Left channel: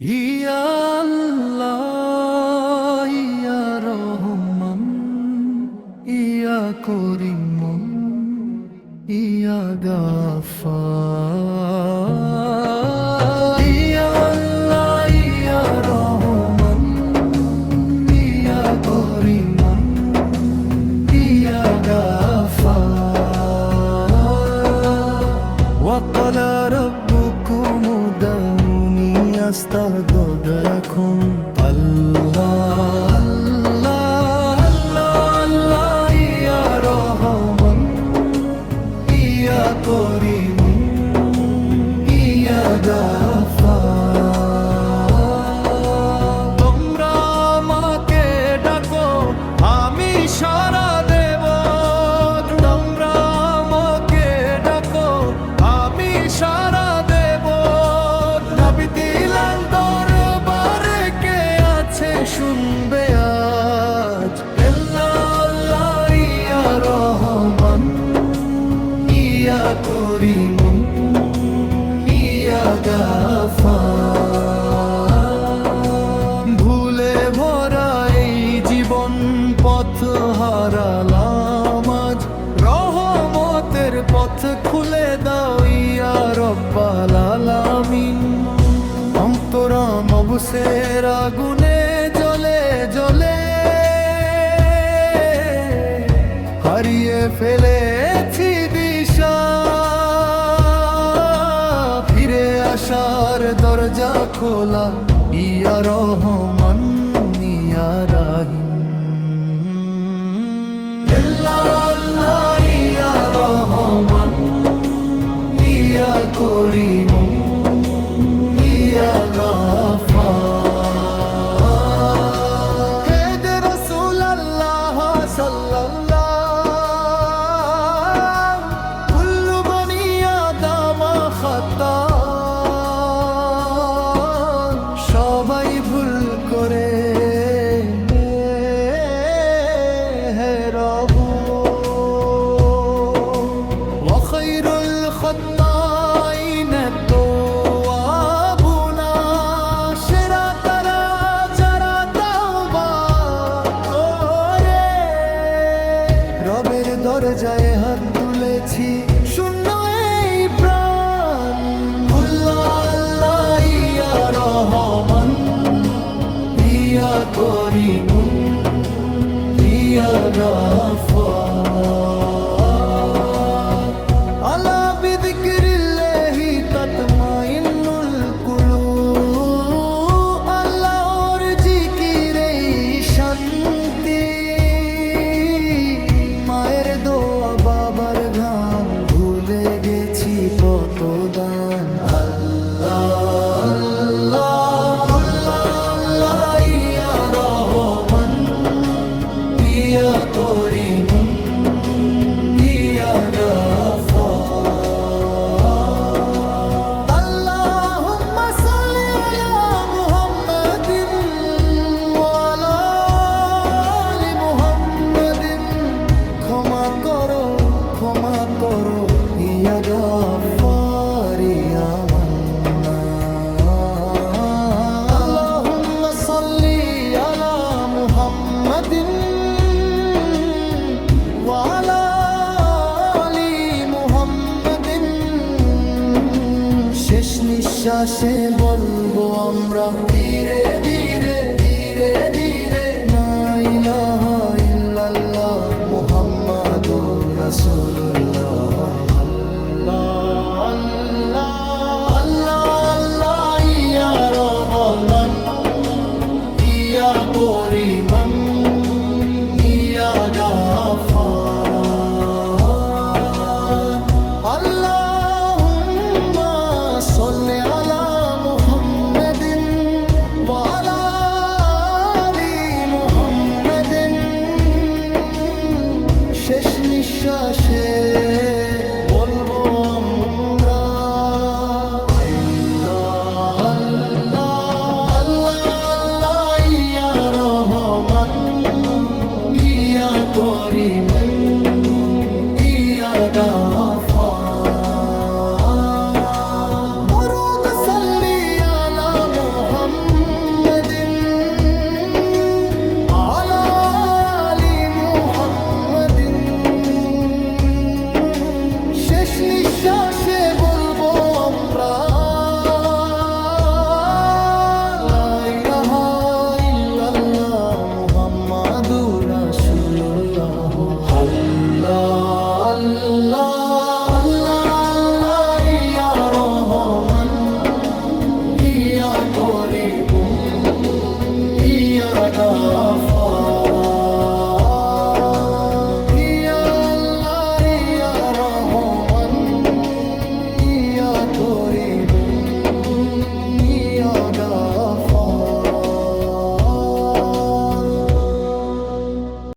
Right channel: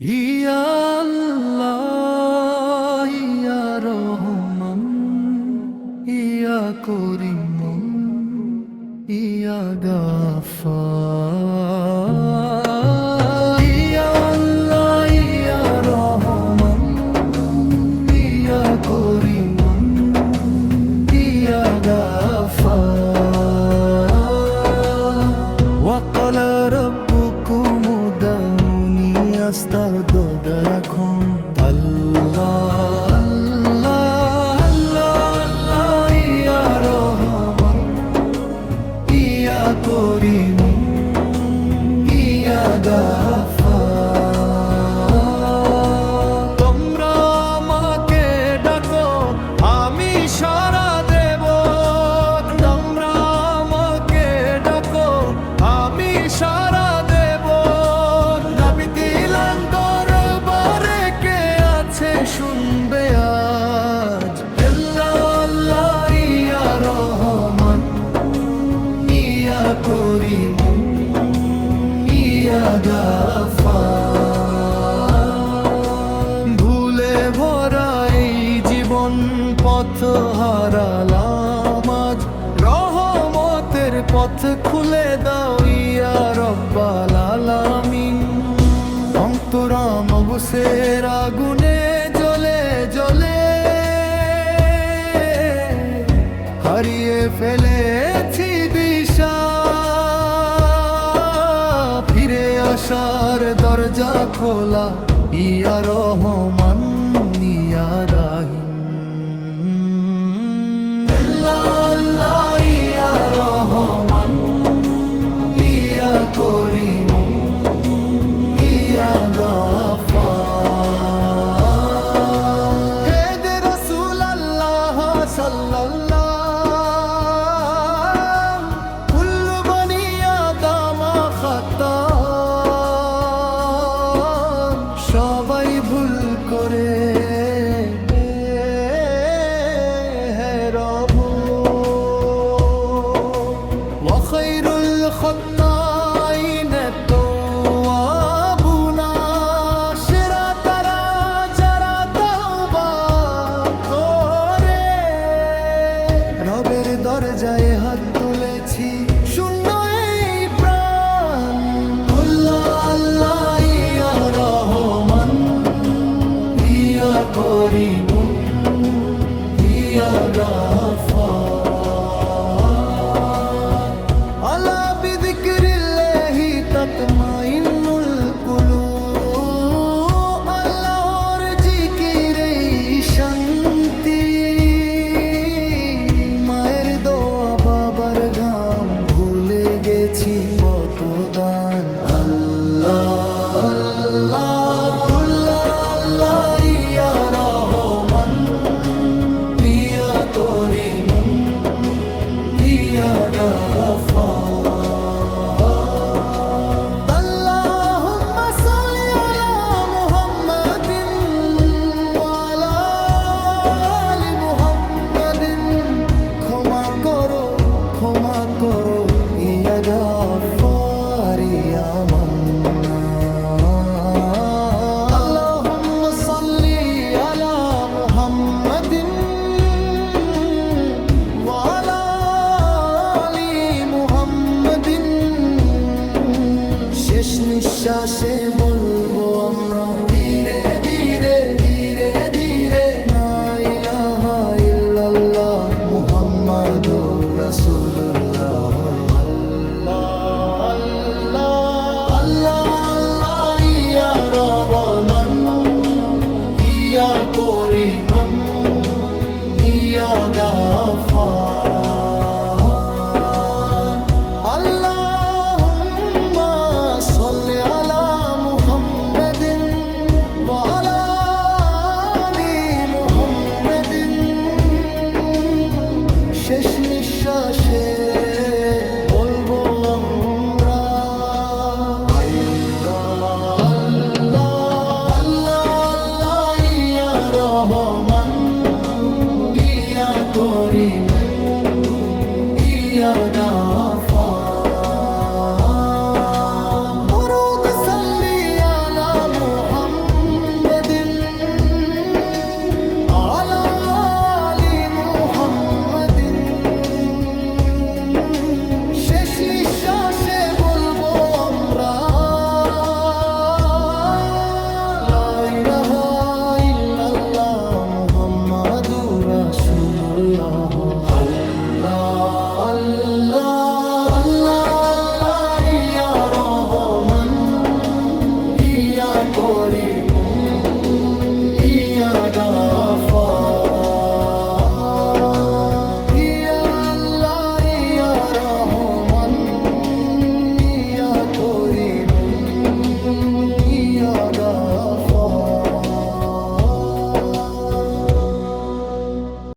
ইয়া আল্লাহ ইয়া রহমান ইয়া করিম ইয়া গাফফার ইয়া আল্লাহ ইয়া রহমান ইয়া করিম ইয়া গাফফার ওয়া ক্বালা রাব্বুকুম উদউনি আস্তাগফির লাকুম আল্লাহ আল্লাহ আল্লাহ ইয়া রহমান ইয়া করিম ইয়া গাফফার তোমরা আমাকে ডাকো আমি সাড়া দেব তোমরা আমাকে ডাকো আমি সাড়া দেব নবী দিলাম দরবারে কে আছে শুনবে আজ আল্লাহ ইয়া রহমান ইয়া করিম ইয়া গাফফার ভুলে ভরা এই জীবন পথ হারালাম আজ রহমতের পথ খুলে দাও ইয়া রব্বাল আলামিন অন্তরাম অবসের আগুনে জ্বলে জ্বলে হারিয়ে ফেলেছি দিশা ফিরে আসার দরজা খোলা ইয়া রহমান ইয়া রাহিম আল্লাহ ইয়া রহমান ইয়া করিম ইয়া গাফফার হে দে রাসূল আল্লাহ সাল্লাল্লাহ কুল্লু বনি আদম খাতা সবাই ভুল করে হে রবু ওয়া খায়রুল খাত্তাইন তাওয়াবুনা সেরা তারা যারা তাওবা করে রবের দরজায় হাত তুলেছি শূন্য এই প্রাণ আল্লাহ ইয়া রহমান ইয়া করিম ইয়া গাফফার আলা বিযিকরিল্লাহি তাতমাইন্নুল কুলুব আল্লাহর জিকিরেই শান্তি মায়ের দোয়া বাবার ঘাম ভুলে গেছি পতদান আল্লাহ আল্লাহ আল্লাহ ইয়া রহমান ইয়া করিম ইয়া গাফফার আল্লাহুম্মা সাল্লি আলা মুহাম্মাদিন ওয়া আলা আলি মুহাম্মাদিন ক্ষমা করো ইয়া গাফফার ইয়া মান্নান আল্লাহুম্মা সাল্লি আলা মুহাম্মাদিন ওয়া আলা আলি মুহাম্মাদিন শেষ নিঃশ্বাসে বলবো আমরা ধীরে ধীরে ধীরে ধীরে লা ইলাহা ইল্লাল্লাহ মুহাম্মাদুর রাসূলুল্লাহ আল্লাহ আল্লাহ আল্লাহ ইয়া রহমান ইয়া করিম ইয়া গাফফার আল্লাহুম্মা সাল্লি আলা মুহাম্মাদিন ওয়া আলা আলি মুহাম্মাদিন শেষ নিঃশ্বাসে বলবো